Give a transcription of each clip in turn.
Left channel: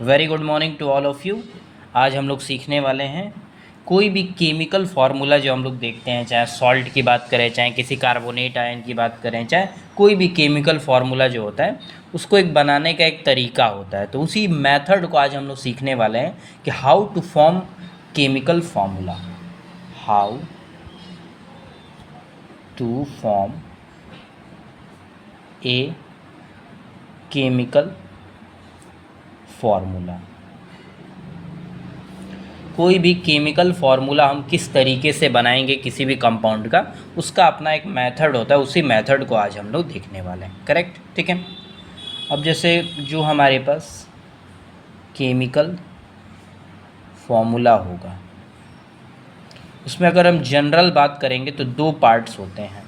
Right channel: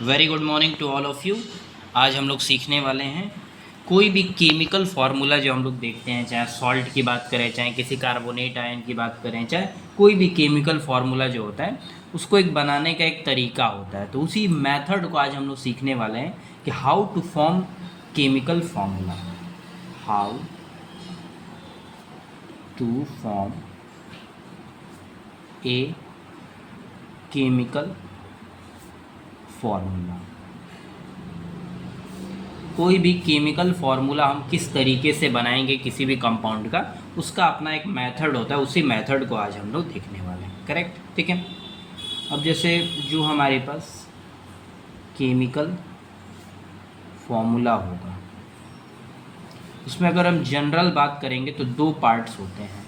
Very good morning to all of you. आज हम लोग सीखने वाले हैं कोई भी केमिकल फार्मूला जो हम लोग देखते हैं, चाहे सॉल्ट की बात करें, चाहे किसी कार्बोनेट आयन की बात करें, चाहे कोई भी केमिकल फार्मूला जो होता है उसको एक बनाने का एक तरीका होता है। तो उसी मेथड को आज हम लोग सीखने वाले हैं कि how to form chemical formula, how to form a chemical formula. कोई भी केमिकल फार्मूला हम किस तरीके से बनाएंगे किसी भी कंपाउंड का, उसका अपना एक मेथड होता है। उसी मेथड को आज हम लोग देखने वाले हैं। करेक्ट, ठीक है। अब जैसे जो हमारे पास केमिकल फार्मूला होगा उसमें अगर हम जनरल बात करेंगे तो दो पार्ट्स होते हैं।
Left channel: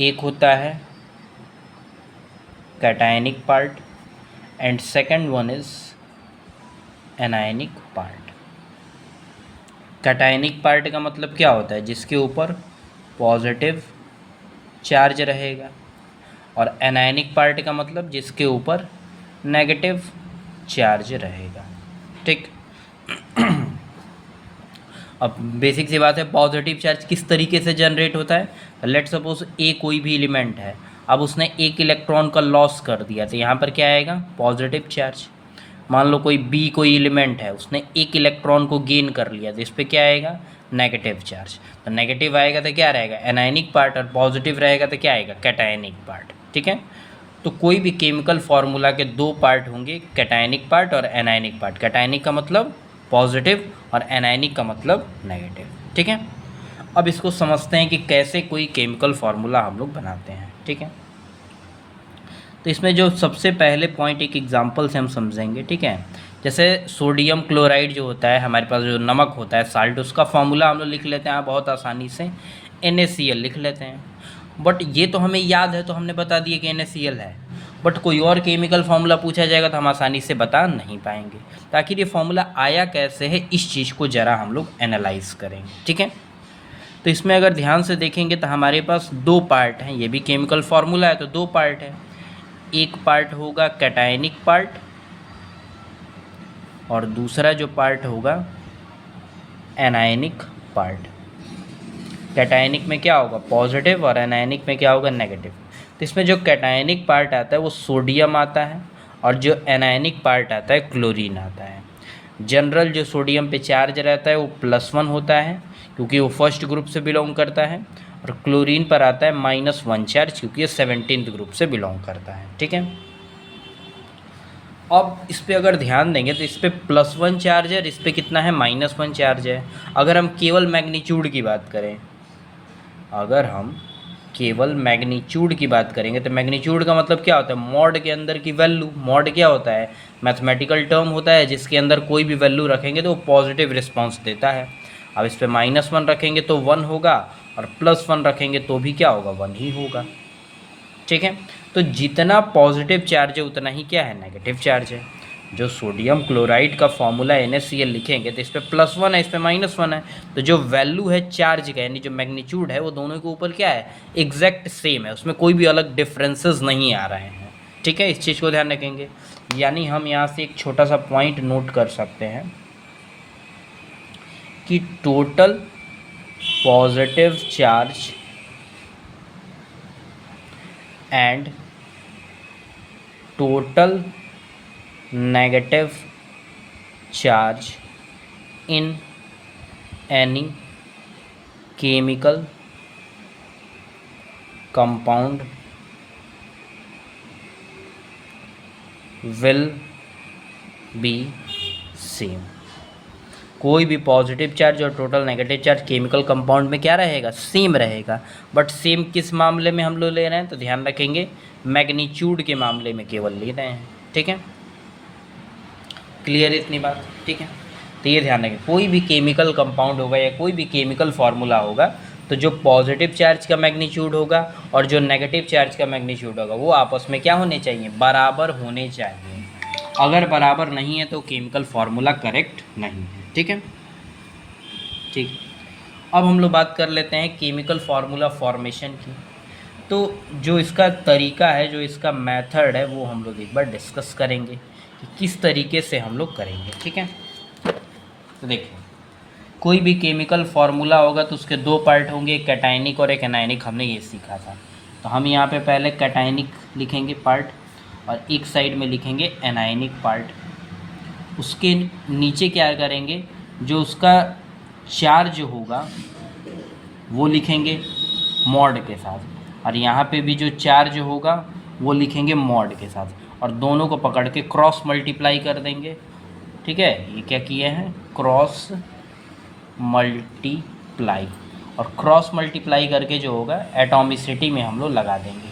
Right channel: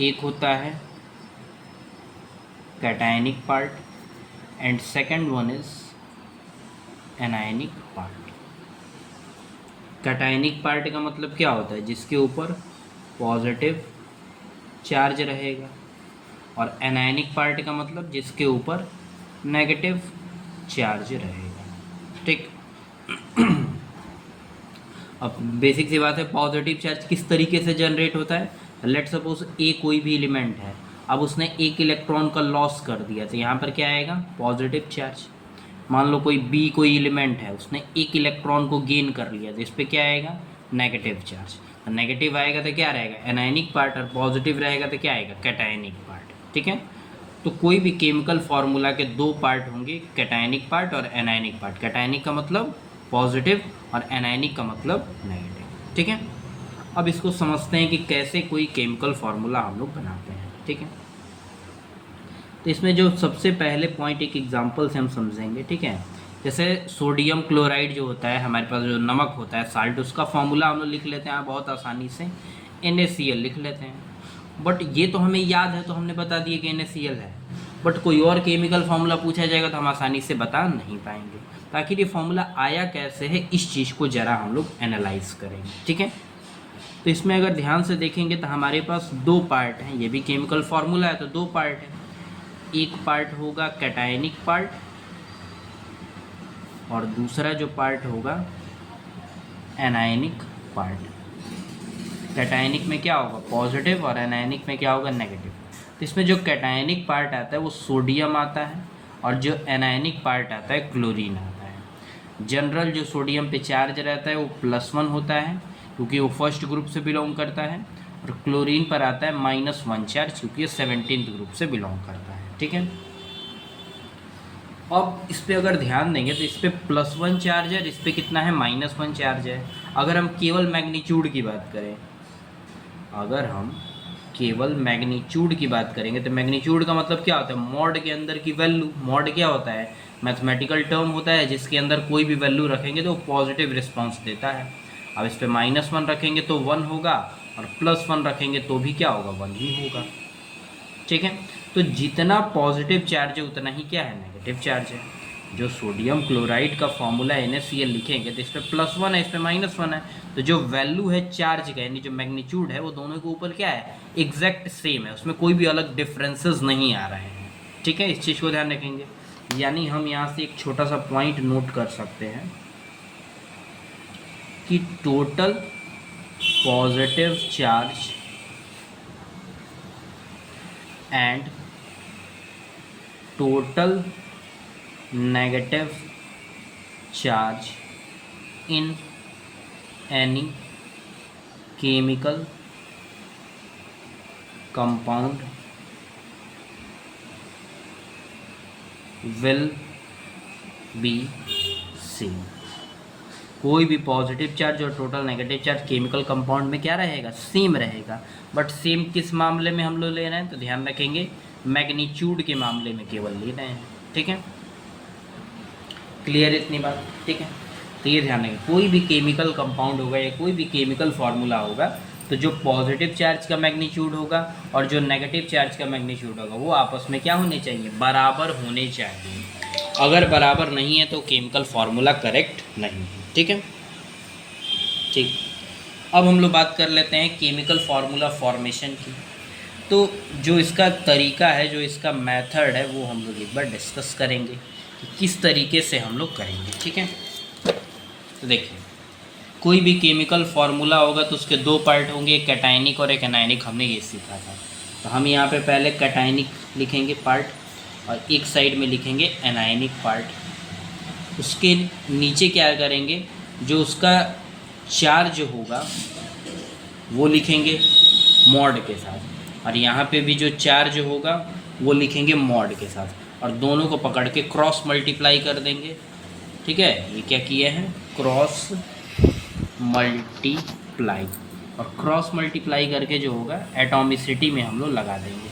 एक होता है cationic part and second one is anionic part. Cationic part का मतलब क्या होता है? जिसके ऊपर पॉजिटिव चार्ज रहेगा, और एनायनिक पार्ट का मतलब जिसके ऊपर नेगेटिव चार्ज रहेगा। ठीक। अब बेसिक सी बात है, पॉजिटिव चार्ज किस तरीके से जनरेट होता है? लेट सपोज ए कोई भी एलिमेंट है, अब उसने एक इलेक्ट्रॉन का लॉस कर दिया तो यहाँ पर क्या आएगा? Positive charge. मान लो कोई बी कोई एलिमेंट है, उसने एक इलेक्ट्रॉन को गेन कर लिया तो इस पर क्या आएगा? Negative charge. तो नेगेटिव आएगा तो क्या रहेगा? एनायनिक पार्ट, और पॉजिटिव रहेगा तो क्या आएगा? Cationic part. ठीक है। तो कोई भी केमिकल फार्मूला के दो पार्ट होंगे, कैटायनिक पार्ट और एनायनिक पार्ट। कैटायनिक का मतलब पॉजिटिव और एनायनिक का मतलब नेगेटिव। ठीक है। अब इसको समझते हैं कि कैसे कोई केमिकल फार्मूला हम लोग बनाते हैं। ठीक है। तो इसमें जो सबसे पहले पॉइंट एक एग्जांपल से हम समझेंगे। ठीक है। जैसे सोडियम क्लोराइड जो होता है, हमारे पास जो नमक होता है साल्ट, उसका फार्मूला हम लोग लिख लेते हैं बहुत आसानी से, NaCl लिख लेते हैं। बट ये तो हमें याद है तो हमने बता दिया कि NaCl है, बट कोई और केमिकल फार्मूला पूछा जाएगा तो हम आसानी से बता नहीं पाएंगे। तो आखिर ये फार्मूला आया कैसे है, इस चीज़ को ज़रा हम लोग एनालाइज करेंगे। ठीक है। तो इसमें अगर ध्यान से देखेंगे तो हमारे पास दो पार्ट हैं। ये भी केमिकल फार्मूला है तो दो पार्ट है। एक पार्ट होगा कैटायनिक पार्ट और दूसरा जो पार्ट होगा एनायनिक पार्ट। कैटायनिक में क्या होगा? पॉजिटिव, और एनायनिक में क्या होगा? नेगेटिव। तो इसमें जो कैटायनिक पार्ट आता है वो सोडियम आता है, और जो एनायनिक पार्ट आता है क्लोरीन आता है। जनरल जो सोडियम पे चार्ज रहता है वो +1 होता है क्योंकि वो फर्स्ट ग्रुप से बिलोंग करता है, और क्लोरीन पर आता है -1 चार्ज क्योंकि ये 17th ग्रुप से बिलोंग करता है। ठीक है। अब इस पर अगर ध्यान देंगे तो इस पर +1 चार्ज है और इस पर कितना है? -1 चार्ज है। अगर हम केवल मैग्नीट्यूड की बात करें, अगर हम केवल मैग्नीट्यूड की बात करेंगे तो मैग्नीट्यूड का मतलब क्या होता है? मॉड के अंदर की वैल्यू। मॉड क्या होता है? मैथमेटिकल टर्म होता है जिसके अंदर कोई भी वैल्यू रखेंगे तो वो पॉजिटिव रिस्पांस देता है। अब इस पर -1 रखेंगे तो 1 होगा, और +1 रखेंगे तो भी क्या होगा? 1 ही होगा। ठीक है। तो जितना पॉजिटिव चार्ज है उतना ही क्या है? नेगेटिव चार्ज है। जो सोडियम क्लोराइड का फॉर्मूला NaCl लिखेंगे तो इस पर +1 है, इस पर -1 है, तो जो वैल्यू है चार्ज का, यानी जो मैग्नीट्यूड है, वो दोनों के ऊपर क्या है? एग्जैक्ट सेम है, उसमें कोई भी अलग डिफरेंसेस नहीं आ रहे हैं। ठीक है। इस चीज़ को ध्यान रखेंगे। यानी हम यहाँ से एक छोटा सा पॉइंट नोट कर सकते हैं कि total positive charge and total negative charge in any chemical compound will be same। कोई भी पॉजिटिव चार्ज और total negative charge chemical compound में क्या रहेगा? सेम रहेगा। बट सेम किस मामले में हम लोग ले रहे हैं? तो ध्यान रखेंगे, मैग्नीट्यूड के मामले में केवल ले रहे हैं। ठीक है। क्लियर इतनी बात? ठीक है। तो ये ध्यान रखें, कोई भी केमिकल कंपाउंड होगा या कोई भी केमिकल फार्मूला होगा तो जो पॉजिटिव चार्ज का मैग्नीट्यूड होगा और जो नेगेटिव चार्ज का मैग्नीट्यूड होगा वो आपस में क्या होने चाहिए? बराबर होने चाहिए। अगर बराबर नहीं है तो केमिकल फार्मूला करेक्ट नहीं है। ठीक है। ठीक। अब हम लोग बात कर लेते हैं केमिकल फार्मूला फॉर्मेशन की। तो जो इसका तरीका है, जो इसका मेथड है, वो हम लोग एक बार डिस्कस करेंगे कि किस तरीके से हम लोग करेंगे। ठीक है, तो देखिए कोई भी केमिकल फार्मूला होगा तो उसके दो पार्ट होंगे, एक कैटायनिक और एक एनायनिक, हमने ये सीखा था। तो हम यहाँ पे पहले कैटायनिक लिखेंगे पार्ट और एक साइड में लिखेंगे एनायनिक पार्ट। उसके नीचे क्या करेंगे, जो उसका चार्ज होगा वो लिखेंगे मॉड के साथ, और यहाँ पे भी जो चार्ज होगा वो लिखेंगे मॉड के साथ, और दोनों को पकड़ के क्रॉस मल्टीप्लाई कर देंगे। ठीक है, ये क्या किए हैं, क्रॉस मल्टीप्लाई, और क्रॉस मल्टीप्लाई करके जो होगा एटॉमिसिटी में हम लोग लगा देंगे।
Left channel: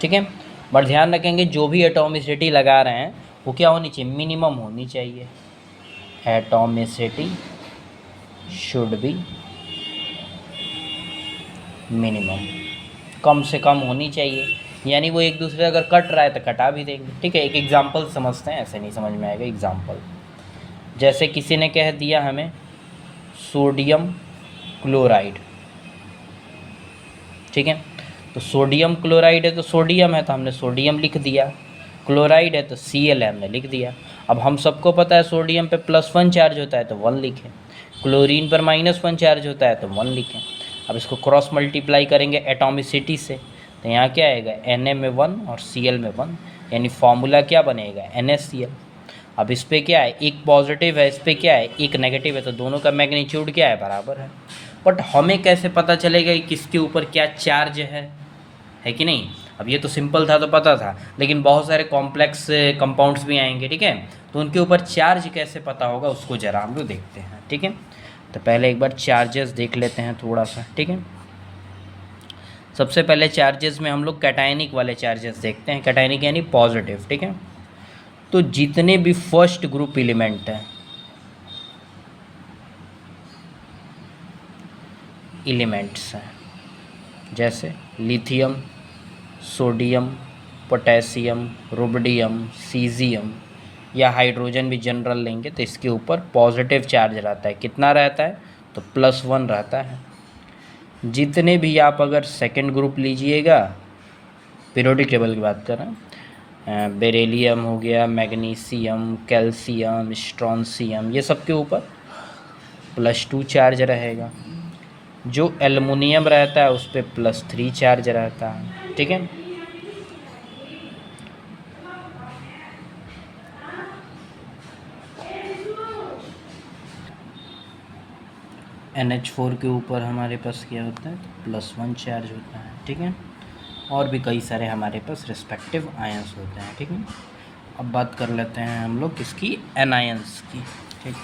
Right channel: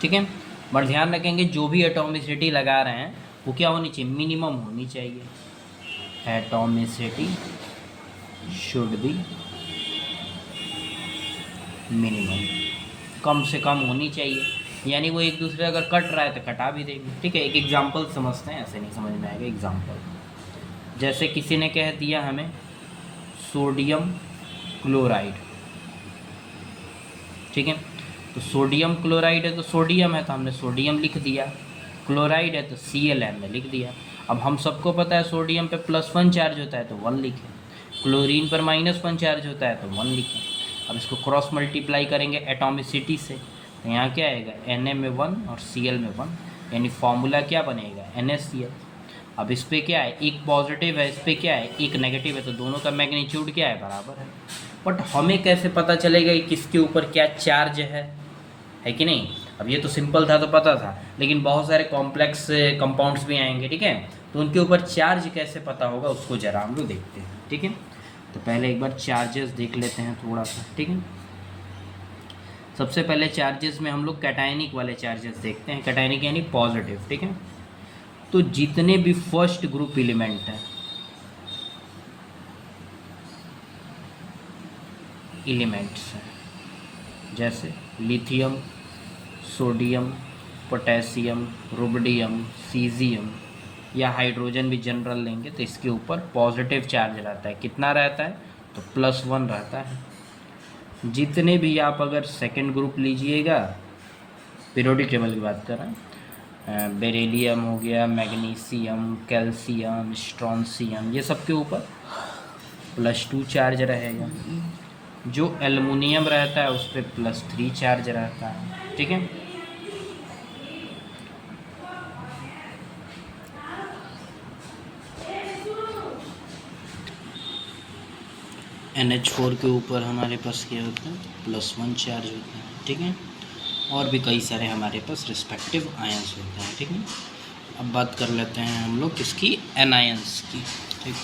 ठीक है, बट ध्यान रखेंगे जो भी एटॉमिसिटी लगा रहे हैं वो क्या होनी चाहिए, मिनिमम होनी चाहिए। एटॉमिसिटी शुड बी मिनिमम, कम से कम होनी चाहिए, यानी वो एक दूसरे अगर कट रहा है तो कटा भी देंगे। ठीक है, एक एग्जांपल समझते हैं, ऐसे नहीं समझ में आएगा। एग्जांपल जैसे किसी ने कह दिया हमें सोडियम क्लोराइड। ठीक है, तो सोडियम क्लोराइड है तो सोडियम है तो हमने सोडियम लिख दिया, क्लोराइड है तो Cl हमने लिख दिया। अब हम सबको पता है सोडियम पे +1 चार्ज होता है तो 1 लिखें, क्लोरीन पर -1 चार्ज होता है तो 1 लिखें। अब इसको क्रॉस मल्टीप्लाई करेंगे एटॉमिसिटी से, तो यहाँ क्या आएगा, Na में 1 और Cl में 1, यानी फॉर्मूला क्या बनेगा, NaCl। अब इस पर क्या है, एक पॉजिटिव है, इस पर क्या है, एक नेगेटिव है, तो दोनों का मैग्नीट्यूड क्या है, बराबर है। बट हमें कैसे पता चलेगा कि किसके ऊपर क्या चार्ज है कि नहीं। अब ये तो सिंपल था तो पता था, लेकिन बहुत सारे कॉम्प्लेक्स कंपाउंड्स भी आएंगे। ठीक है, तो उनके ऊपर चार्ज कैसे पता होगा उसको ज़रा हम लोग देखते हैं। ठीक है, तो पहले एक बार चार्जेस देख लेते हैं थोड़ा सा। ठीक है, सबसे पहले चार्जेस में हम लोग कैटायनिक वाले चार्जेस देखते हैं। कैटायनिक यानी पॉजिटिव। ठीक है, तो जितने भी फर्स्ट ग्रुप एलिमेंट हैं, एलिमेंट्स हैं, जैसे lithium, sodium, potassium, rubidium, caesium या हाइड्रोजन भी जनरल लेंगे तो इसके ऊपर पॉजिटिव चार्ज रहता है। कितना रहता है, तो +1 रहता है। जितने भी आप अगर सेकंड ग्रुप लीजिएगा, पीरियोडिक टेबल की बात कर रहे हैं, बेरिलियम हो गया, मैग्नीशियम, कैल्शियम, स्ट्रॉन्सियम, ये सब के ऊपर +2 चार्ज रहेगा। जो एल्युमिनियम रहता है उस पर +3 चार्ज रहता है। ठीक है, NH4 के ऊपर हमारे पास क्या होता है, +1 चार्ज होता है। ठीक है, और भी कई सारे हमारे पास रिस्पेक्टिव आयंस होते हैं। ठीक है, अब बात कर लेते हैं हम लोग किसकी, एनायंस की। ठीक,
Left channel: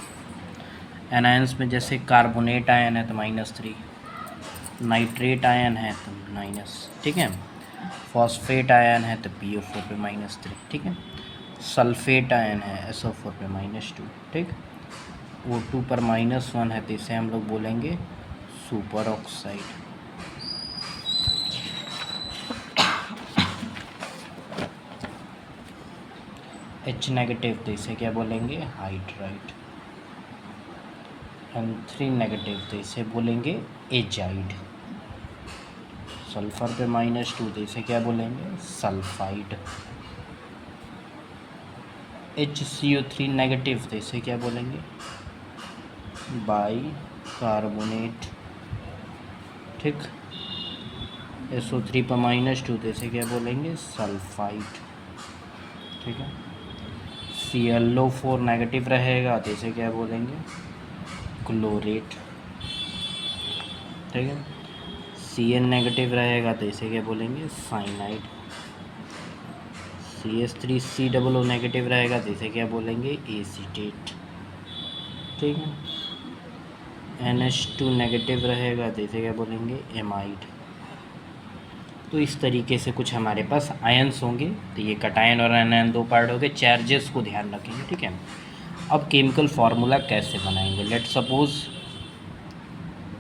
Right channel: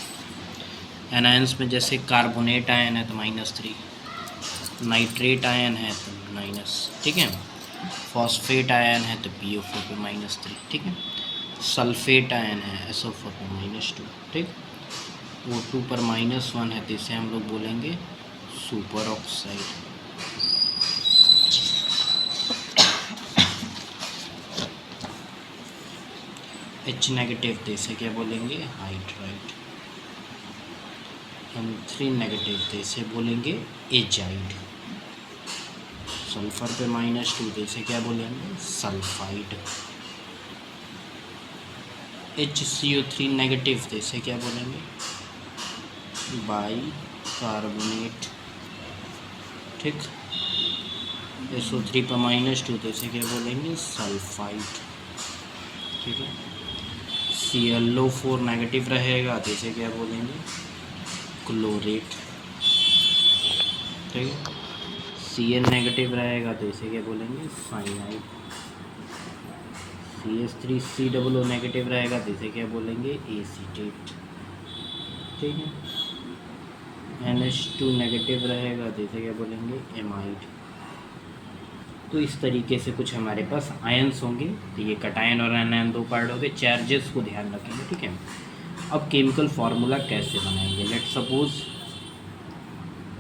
एनायंस में जैसे कार्बोनेट आयन है तो -3, नाइट्रेट आयन है तो -। ठीक है, फॉस्फेट आयन है तो PO4 पे -3। ठीक है, सल्फेट आयन है SO4 पे -2। ठीक, O2 पर -1 है तो इसे हम लोग बोलेंगे सुपर ऑक्साइड। H नेगेटिव तो इसे क्या बोलेंगे, हाइड्राइड। M3 नेगेटिव तो इसे बोलेंगे एजाइड। सल्फर पे -2 तो इसे क्या बोलेंगे, सल्फाइड। HCO3 नेगेटिव तो इसे क्या बोलेंगे, बाई कार्बोनेट। ठीक, SO3 पर -2 तो इसे क्या बोलेंगे, सल्फाइड। ठीक है, ClO4 नेगेटिव रहेगा तो इसे क्या बोलेंगे, क्लोरेट। ठीक है, Cl नेगेटिव रहेगा तो इसे क्या बोलेंगे, साइनाइड। CH3COO नेगेटिव रहेगा तो इसे क्या बोलेंगे, एसीटेट। ठीक है, NH2 नेगेटिव रहेगा तो इसे क्या बोलेंगे, एमाइड। तो इस तरीके से कुछ हमारे पास आयंस होंगे। तो ये कटायन और एनायन दो पार्ट हो गए। चार्जेस को ध्यान रखेंगे। ठीक है, अब केमिकल फार्मूला कैसे बनाएंगे। Let suppose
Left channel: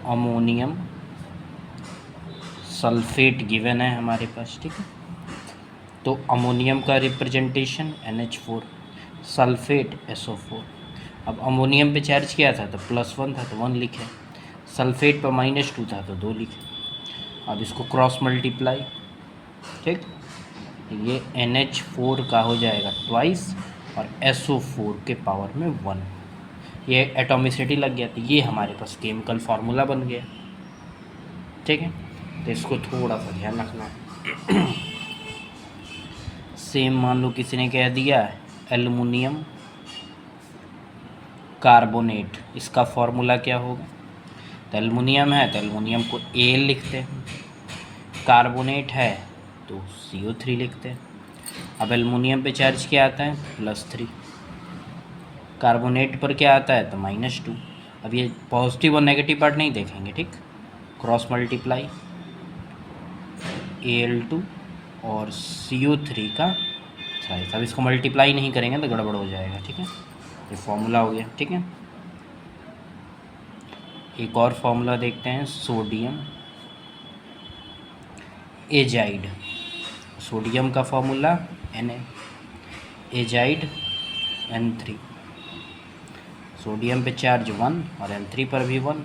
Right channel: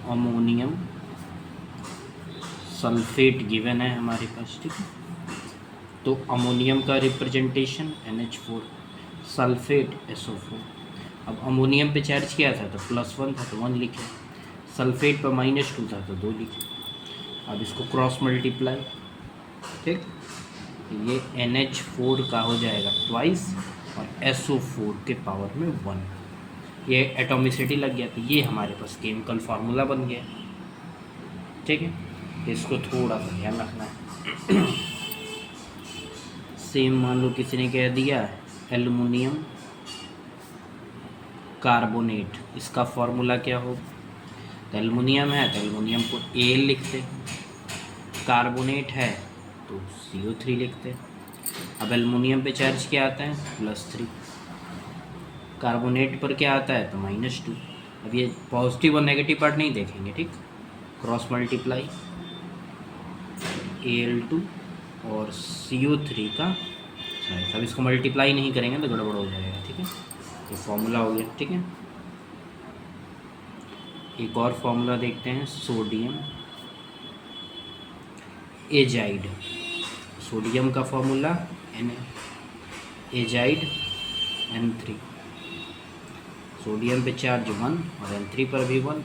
ammonium sulphate given है हमारे पास। ठीक है, तो अमोनियम का रिप्रेजेंटेशन NH4, सल्फेट SO4। अब अमोनियम पे चार्ज क्या था, तो +1 था तो 1 लिखे। सल्फेट पर -2 था तो 2 लिखे। अब इसको क्रॉस मल्टीप्लाई, ठीक, ये NH4 का हो जाएगा ट्वाइस और SO4 के पावर में 1। ये एटॉमिसिटी लग गया, तो ये हमारे पास केमिकल फार्मूला बन गया। ठीक है, तो इसको थोड़ा सा ध्यान रखना है। सेम मान लो किसी ने कह दिया एल्युमिनियम कार्बोनेट, इसका फॉर्मूला क्या होगा? तो एल्युमिनियम है तो एल्युमिनियम को Al लिखते हैं, कार्बोनेट है तो CO3 लिखते हैं। अब एल्युमिनियम पे चार्ज क्या आता है? +3, कार्बोनेट पर क्या आता है? तो -2। अब ये पॉजिटिव और नेगेटिव पार्ट नहीं देखेंगे, ठीक, क्रॉस मल्टीप्लाई Al2 और CO3 का साइज। अब इसको मल्टीप्लाई नहीं करेंगे तो गड़बड़ हो जाएगा, ठीक है, ये फॉर्मूला हो गया। ठीक है, एक और फॉर्मूला देखते हैं, सोडियम एजाइड। सोडियम का formula Na, azide N3। Sodium पे चार्ज 1 और N3 पर भी 1,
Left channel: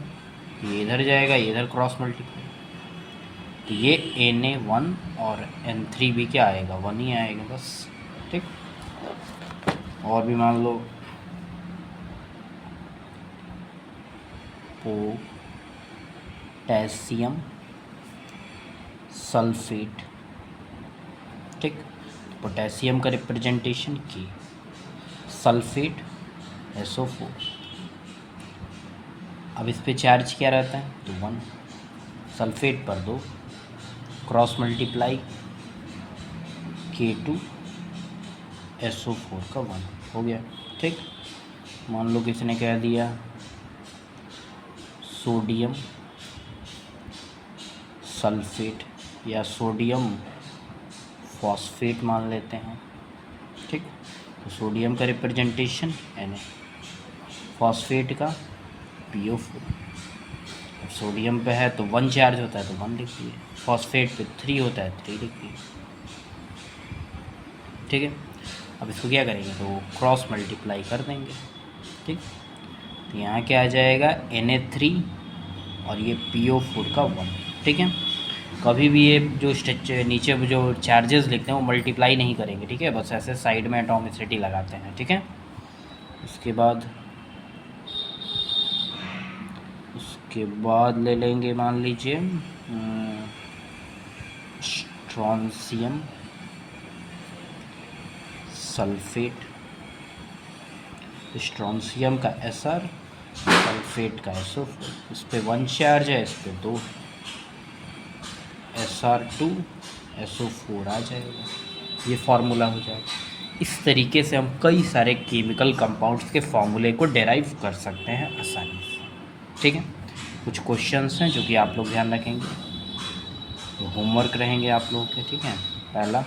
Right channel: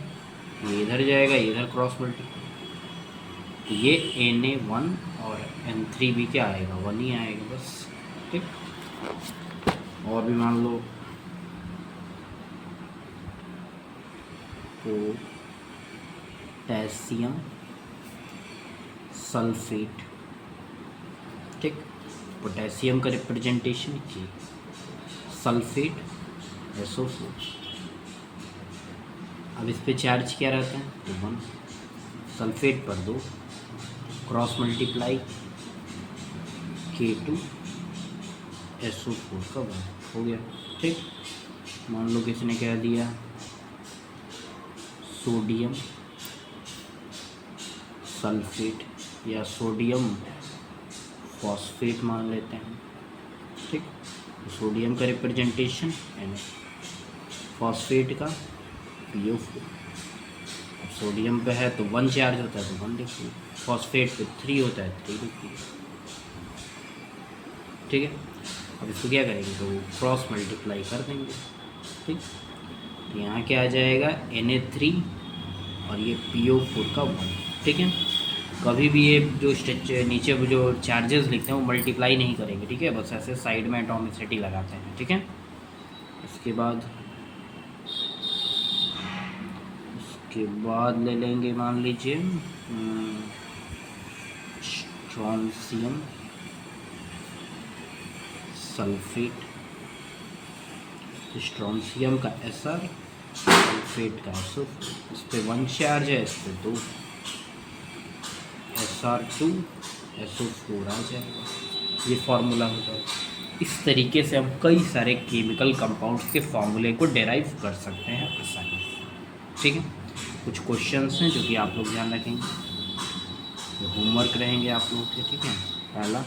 ये इधर जाएगा, ये इधर क्रॉस मल्टीप्लाई, तो ये Na1 और N3 भी क्या आएगा? 1 ही आएगा बस। ठीक, और भी मान लो पोटेशियम सल्फेट। ठीक, पोटेशियम का रिप्रेजेंटेशन K, सल्फेट SO4। अब इस पे चार्ज क्या रहता है? तो 1, सल्फेट पर 2, क्रॉस मल्टीप्लाई K2 SO4 का 1 हो गया। ठीक, मान लो किसी ने कह दिया सोडियम सल्फेट या सोडियम फॉस्फेट मान लेते हैं। ठीक, तो सोडियम का रिप्रेजेंटेशन Na, फॉस्फेट का PO4। अब सोडियम पे है तो 1 चार्ज होता है तो 1 लिख दिए, फॉस्फेट पे 3 होता है 3 लिख दिए। ठीक है, अब इसको क्या करेंगे? तो क्रॉस मल्टीप्लाई कर देंगे। ठीक, तो यहाँ क्या आ जाएगा? Na3 और ये PO4 का 1। ठीक है, कभी भी ये जो नीचे जो चार्जेस लिखते हैं वो मल्टीप्लाई नहीं करेंगे, ठीक है, बस ऐसे साइड में एटॉमिसिटी लगाते हैं। ठीक है, उसके बाद ले लेंगे, मान लीजिए स्ट्रोंशियम सल्फेट। स्ट्रोंशियम का Sr, सल्फेट का SO4। इस पे 1 चार्ज है, इस पे 2, Sr2 SO4 आ जाएगा, ये फार्मूला हो जाएगा। इस तरीके से हम कई सारे केमिकल कंपाउंड्स के फार्मूले को डेराइव कर सकते हैं आसानी से। ठीक है, कुछ क्वेश्चंस हैं जो कि आप लोग ध्यान रखेंगे, तो होमवर्क रहेंगे आप लोगों के। ठीक है, पहला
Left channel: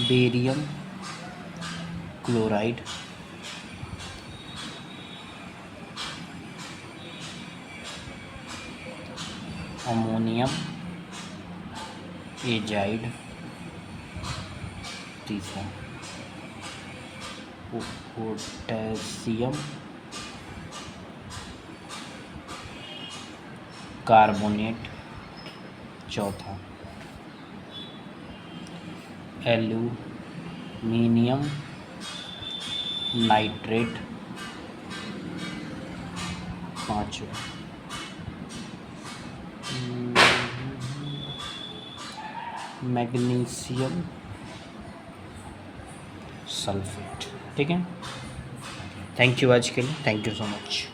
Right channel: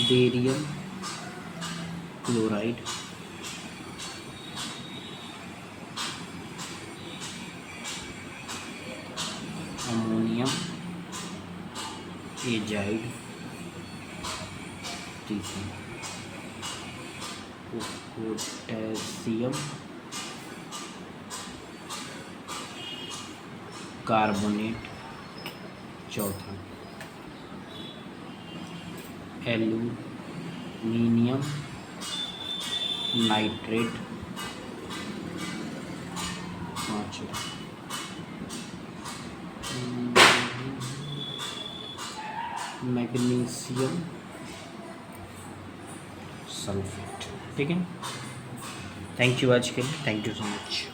बेरियम क्लोराइड अमोनियम एजाइड। तीसरा पोटेशियम कार्बोनेट। चौथा एल्यूमिनियम नाइट्रेट। पाँचवा मैग्नीशियम सल्फेट। ठीक है, थैंक यू आज के लिए, थैंक यू सो मच।